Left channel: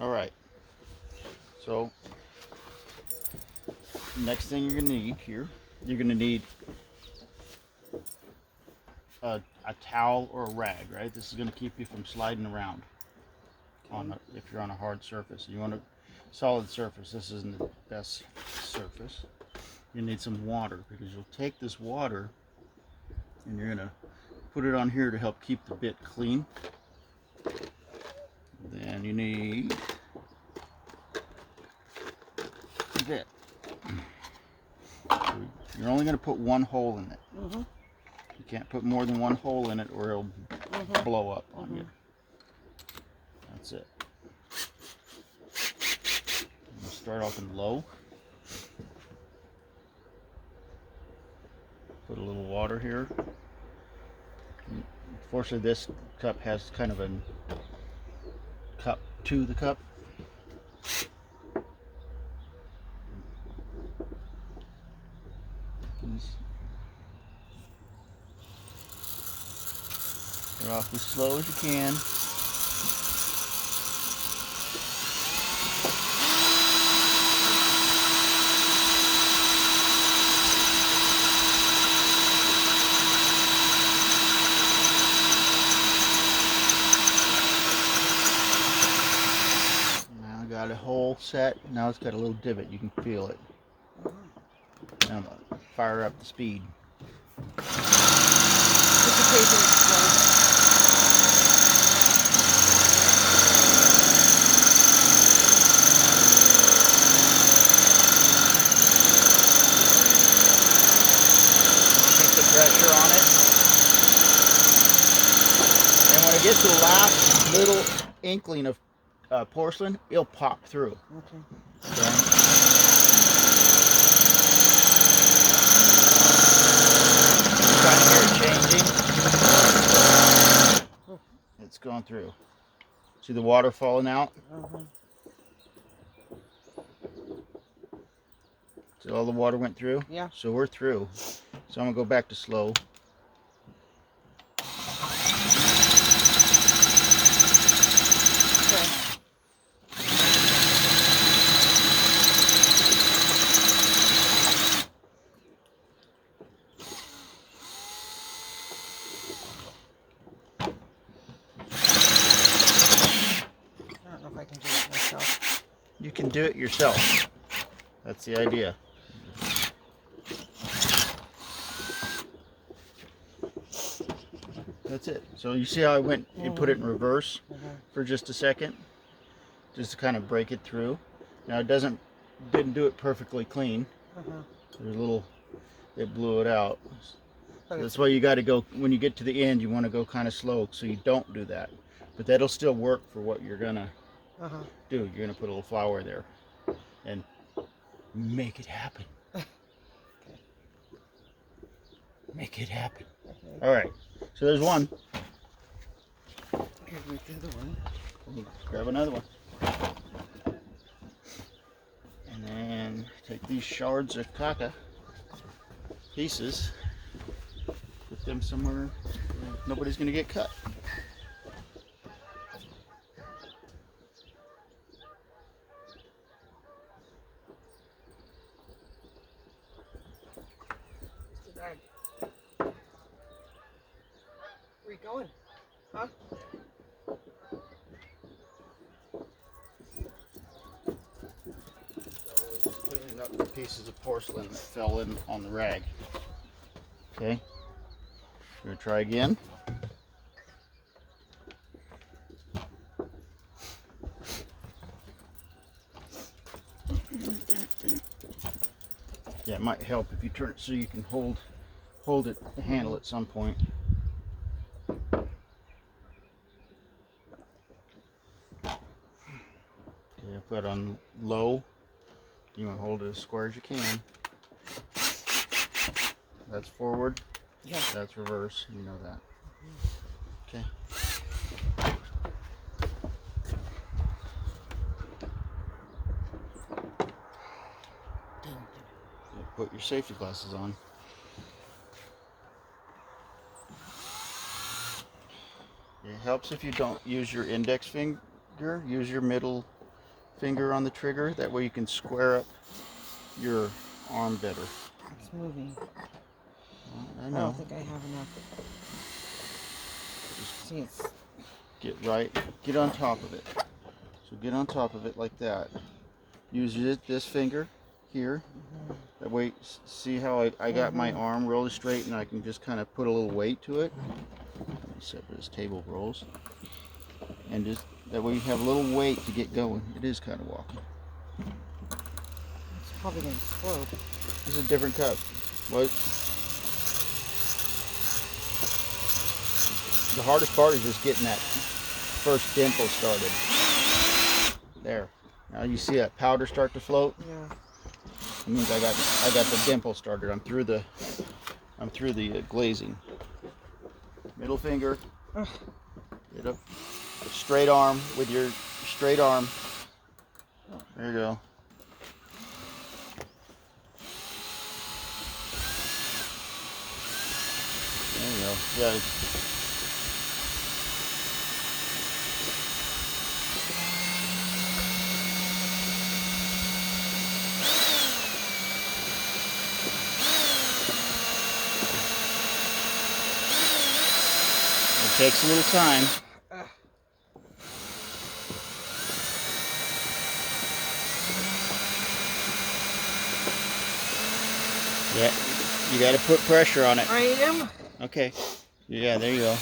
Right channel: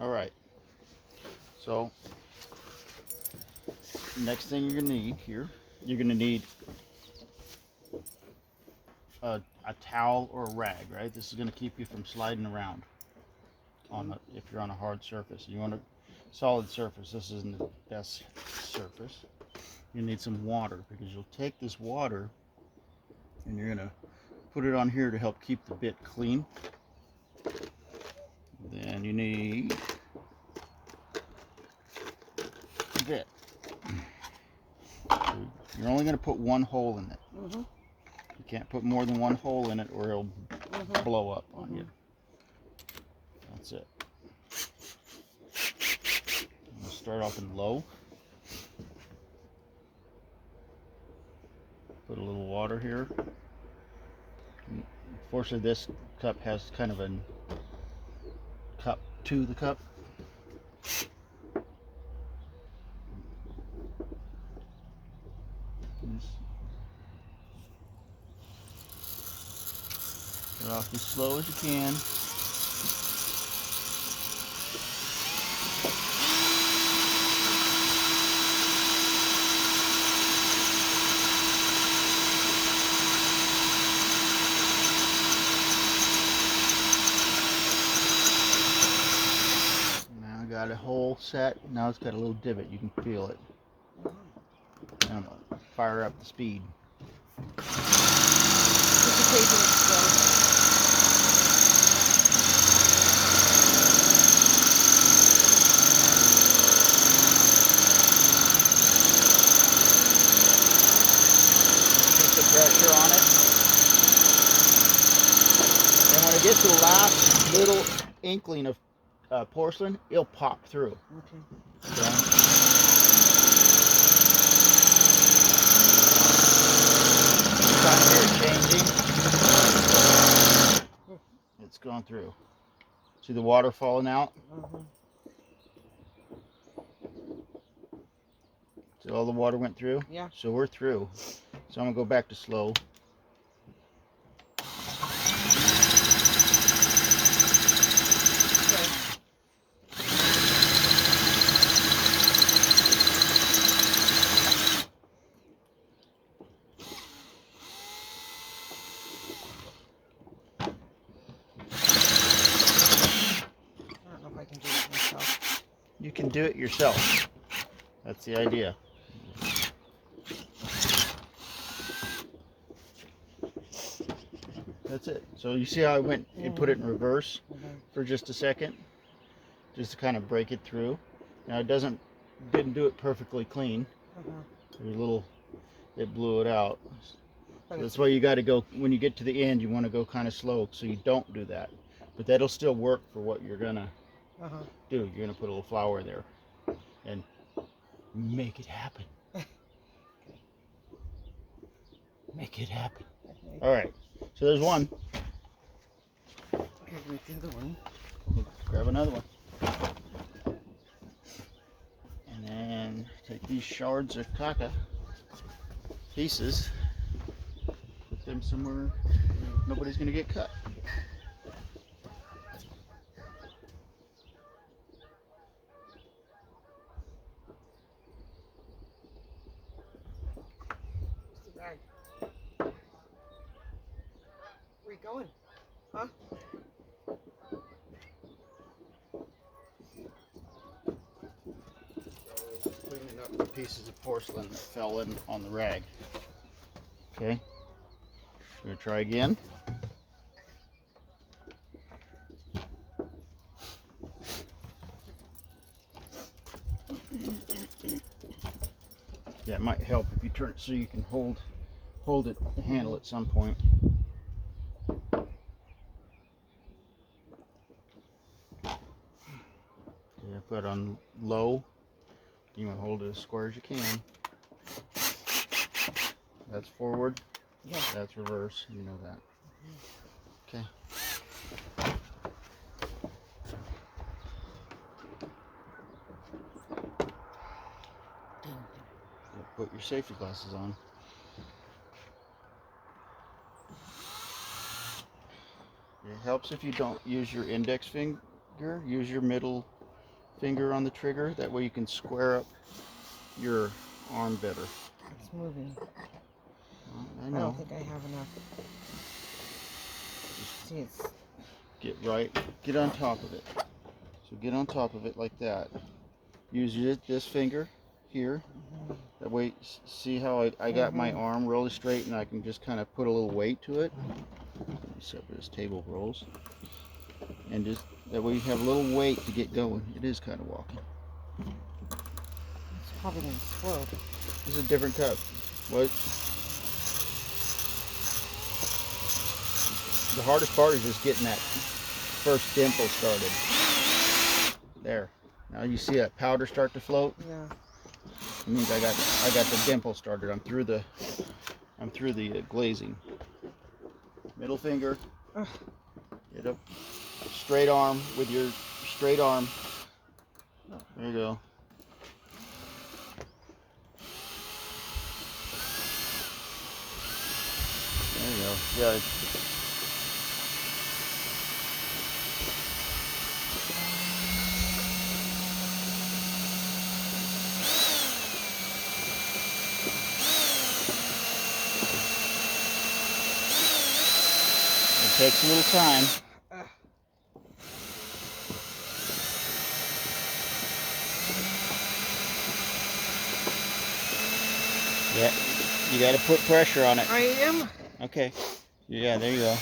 All right. So next thing you're gonna need here, you're gonna need a towel or a rag, right? This is gonna keep you from sliding around on if you're on a hard surface. You want a solid surface. This isn't the best surface. You need some water because you'll take this water and you're gonna put it on here to help keep the bit clean. Then you need a bit. You're only going to put one hole in it. You can't put more than one hole in it or it'll blow up on you. That's it. I'm going to start off in low. Put a little water here. Unfortunately, this cup has kind of a cup to the cup. Start off as slow as you can. Now I got a hole set. Now it's got a little divot. You can feel it. Now I'm gonna fire up the speed. Pressure on it, and when it gets to the last little inkling of porcelain, it'll pop through. Okay. Kind of hear it changing. It's going through. See the water falling out? So all the water went through? Yeah. So we're through. So I'm going to go back to slow. I don't know if I can do it myself. You can do it yourself. That's the idea. That's it. So you see how I went and put it in reverse for just a second, just to kind of break it through. Now it didn't do it perfectly clean. There's a little, it blew it out. So that's why you got to go, when you get to the end, you want to go kind of slow so you don't do that. But that'll still work for what you're gonna do. You're gonna put a little flour there and make it happen. Make it happen. All right. So there's one. With the other one. We'll grab another one. And then take these shards of caca pieces, put them somewhere where nobody's going to get cut. Where you going? Huh? Cleaning up the pieces of porcelain that fell in on the rag. Okay, we're gonna try again. Yeah, it might help if you turn it so you can hold it, the handle at some point. Yeah, put it on low. You want to hold it as square as you can. That's forward. Yeah. That's reverse. You know that. Okay. Put your safety glasses on. It helps if you don't use your index finger. Use your middle finger on the trigger. That way you can square up your arm better. It's moving. Well, I I know. don't think I have enough. See, it's Get on top of it. So get on top of it like that. Use this finger here. That way, see how I got my arm really straight, and I can just kind of put a little weight to it. Except for this table rolls. And just that way you have a little weight to get going. It is kind of walking. It's probably going to explode. This is a different cup. What? The hardest part is just getting that first dimple started. There. Now you see that powder start to float? Yeah. It means I got the dimple started. I'm through the glazing. Middle finger. Get up. Straight arm with your straight arm. There you go. There you go. Yeah. It takes a little time. Yeah, you got to put pressure on it. I am. Okay. Yeah, there you go.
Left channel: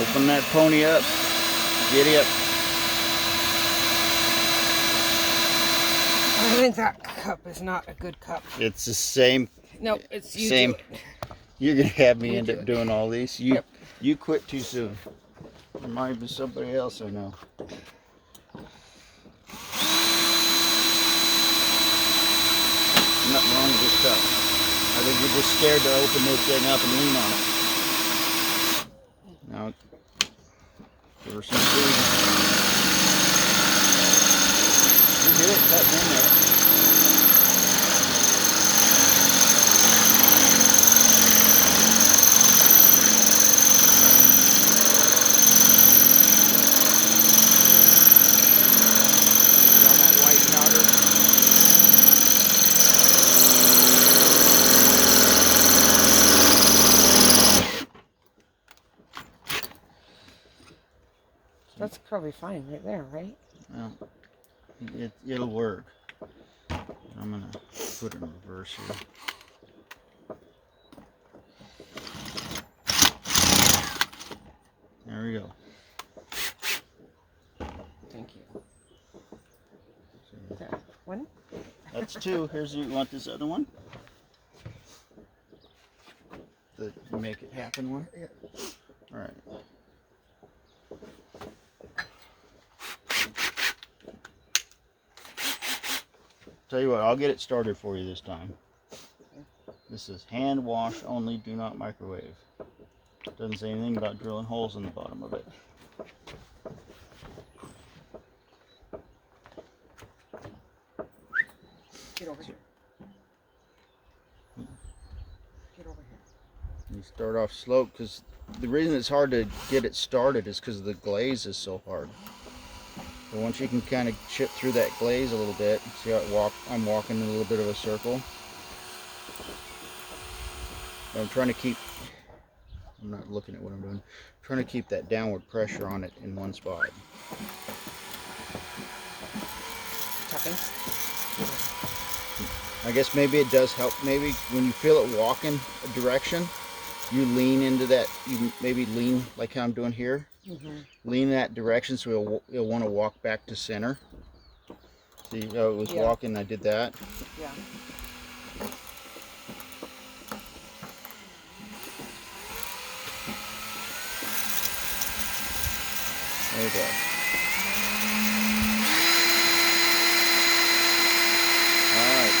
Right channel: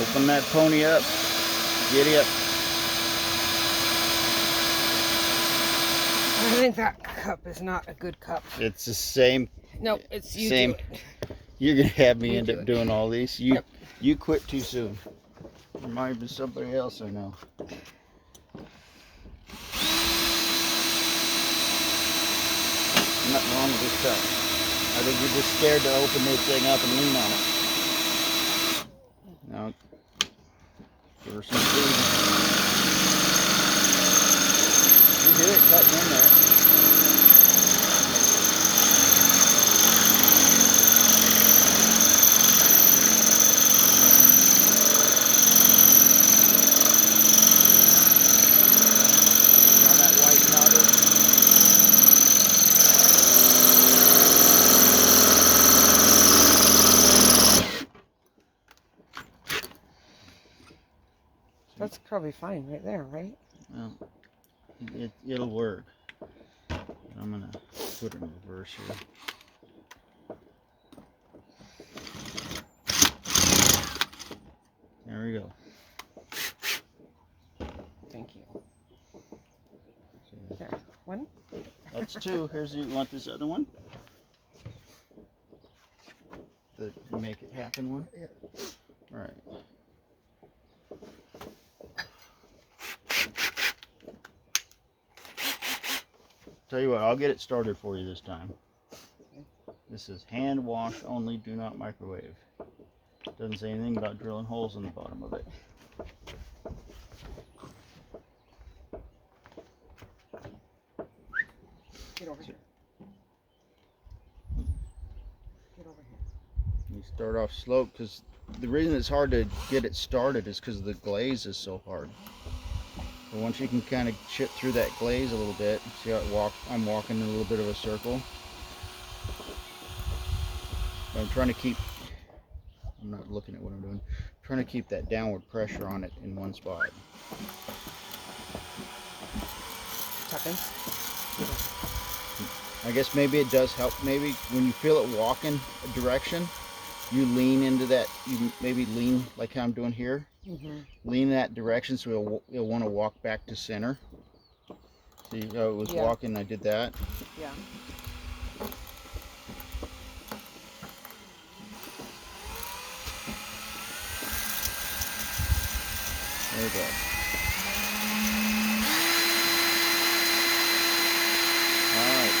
Open that pony up. Giddy up. I think that cup is not a good cup. It's the same. No, it's you. Same. Do it. You're gonna have me You end do up it. doing all these. You quit too soon. Remind me of somebody else I know. Nothing wrong with this cup. I think you're just scared to open this thing up and lean on it. Now, give her some food. You hear it cutting in there. See all that white powder? That's probably fine right there, right? Well, it'll work. I'm gonna put it in reverse here. There we go. Thank you. There. One? That's two. You want this other one? The make it happen one? Yeah. All right. Tell you what, I'll get it started for you this time. This is hand wash only, do not microwave. Doesn't say anything about drilling holes in the bottom of it. Get over here. Get over here. You start off slow because the reason it's hard to get it started is because the glaze is so hard. But once you can kind of chip through that glaze a little bit, see how I'm walking in a little bit of a circle. I'm trying to keep, I'm not looking at what I'm doing, I'm trying to keep that downward pressure on it in one spot. Tapping. I guess maybe it does help. Maybe when you feel it walking a direction, you lean into that. You maybe lean like how I'm doing here. Lean in that direction so it'll want to walk back to center. See how it was walking? I did that. Yeah. There you go. Alright.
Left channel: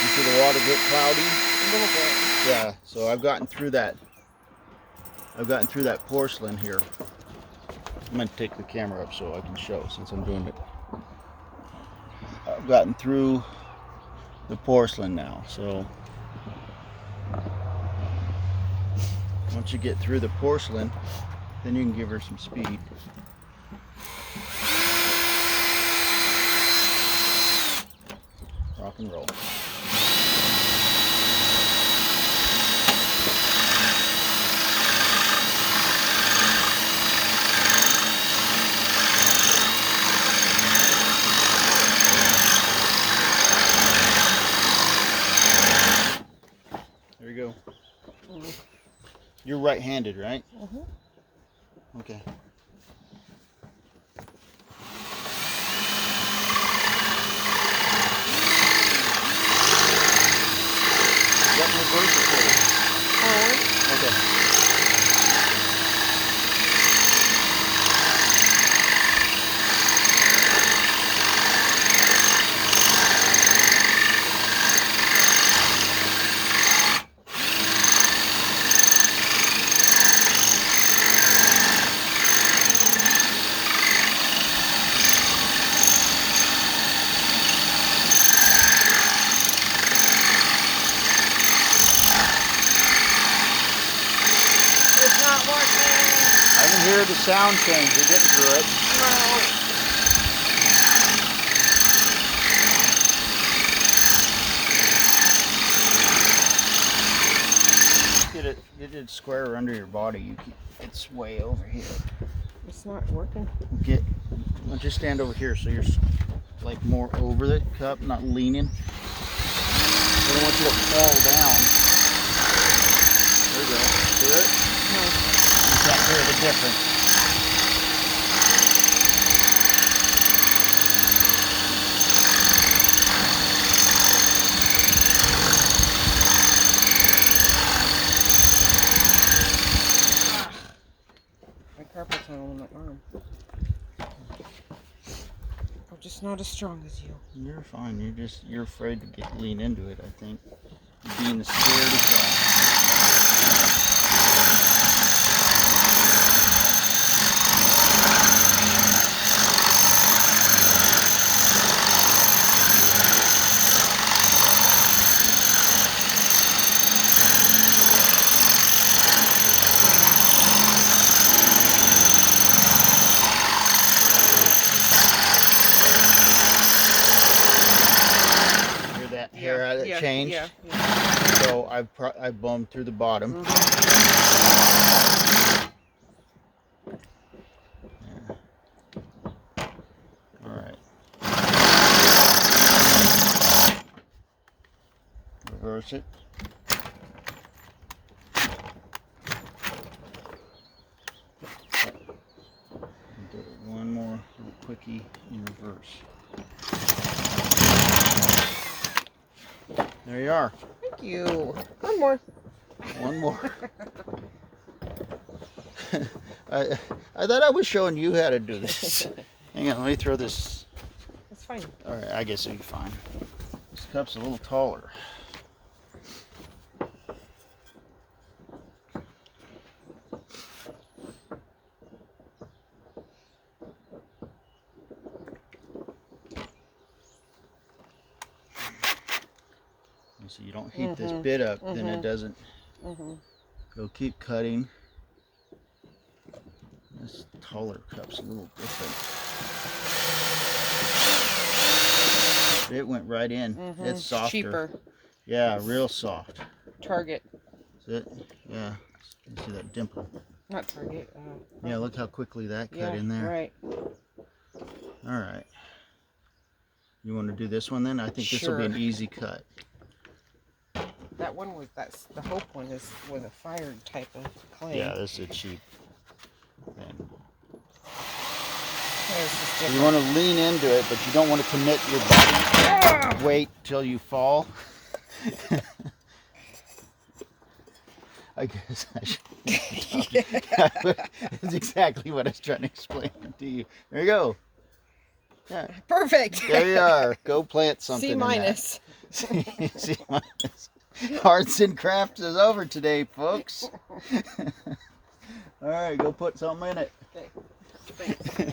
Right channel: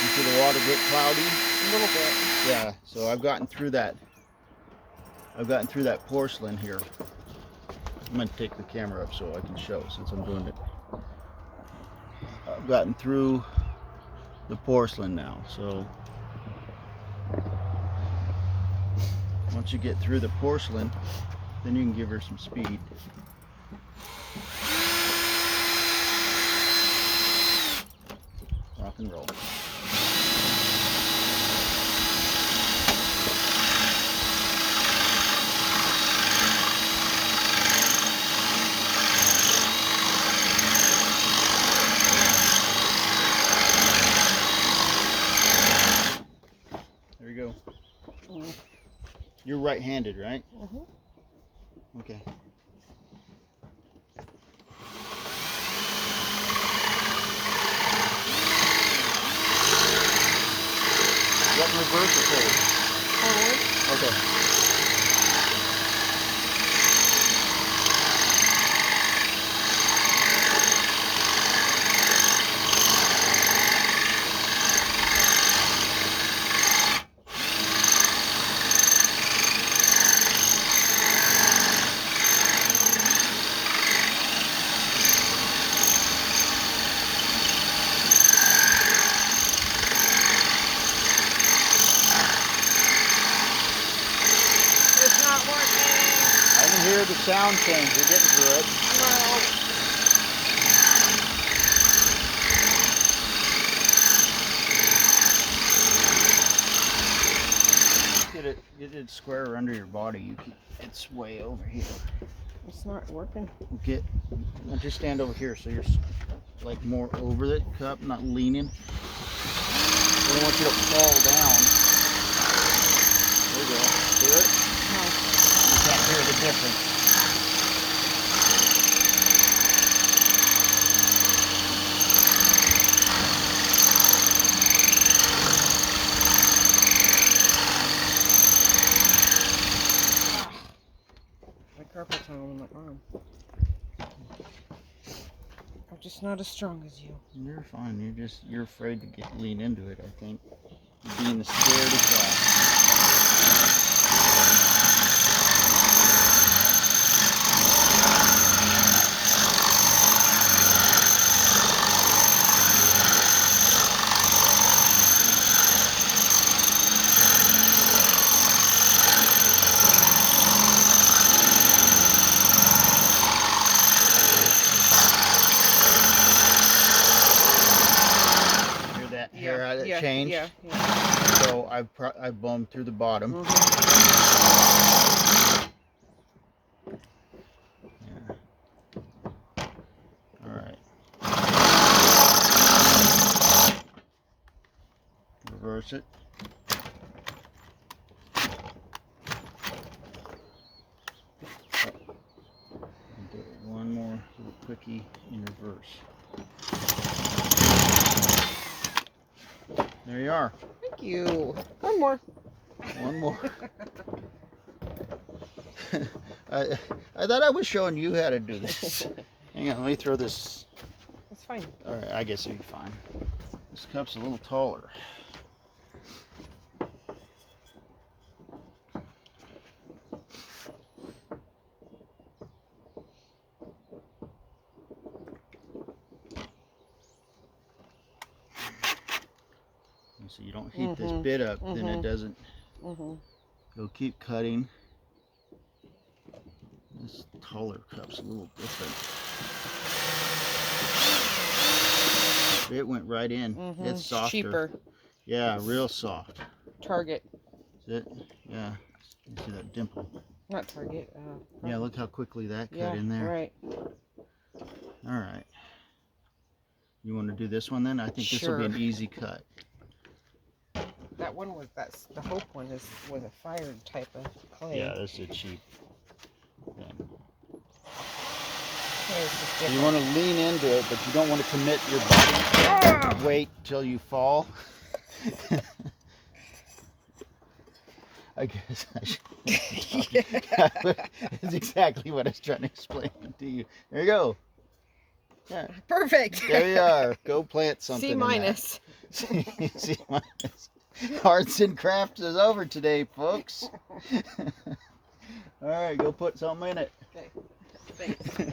You see the water get cloudy? A little bit. Yeah, so I've gotten through that. I've gotten through that porcelain here. I'm going to take the camera up so I can show since I'm doing it. I've gotten through the porcelain now, so Once you get through the porcelain, then you can give her some speed. Rock and roll. There you go. You're right-handed, right? Okay. What in reverse or forward? Forward. Okay. It's not working. I can hear the sound change. You're getting through it. No. Get it square under your body. It's way over here. It's not working. Just stand over here so you're like more over the cup, not leaning. I don't want you to fall down. There you go. Hear it? No. You can't hear the difference. My carpal tunnel in my arm. I'm just not as strong as you. You're fine. You're afraid to lean into it, I think. You're being the scaredy cat. Hear that hair that changed? Yeah. So I bombed through the bottom. Yeah. All right. Reverse it. Do one more little quickie in reverse. There you are. Thank you. One more. One more. I thought I was showing you how to do this. Hang on, let me throw this. It's fine. All right, I guess it'll be fine. This cup's a little taller. So you don't heat this bit up, then it doesn't. Go keep cutting. This taller cup's a little different. It went right in. It's softer. Cheaper. Yeah, real soft. Target. Is it? Yeah. You see that dimple? Not Target. Yeah, look how quickly that cut in there. Right. All right. You want to do this one then? I think this will be an easy cut. That one was the Hope one was a fired type of clay. Yeah, this is cheap. And It's just so different. you want to lean into it, but you don't want to commit your body. Wait till you fall. I guess I should. That's exactly what I was trying to explain to you. There you go. Yeah. Perfect. There you are. Go plant something. C minus. C minus. Arts and crafts is over today, folks. All right, go put something in it. Okay. Thanks.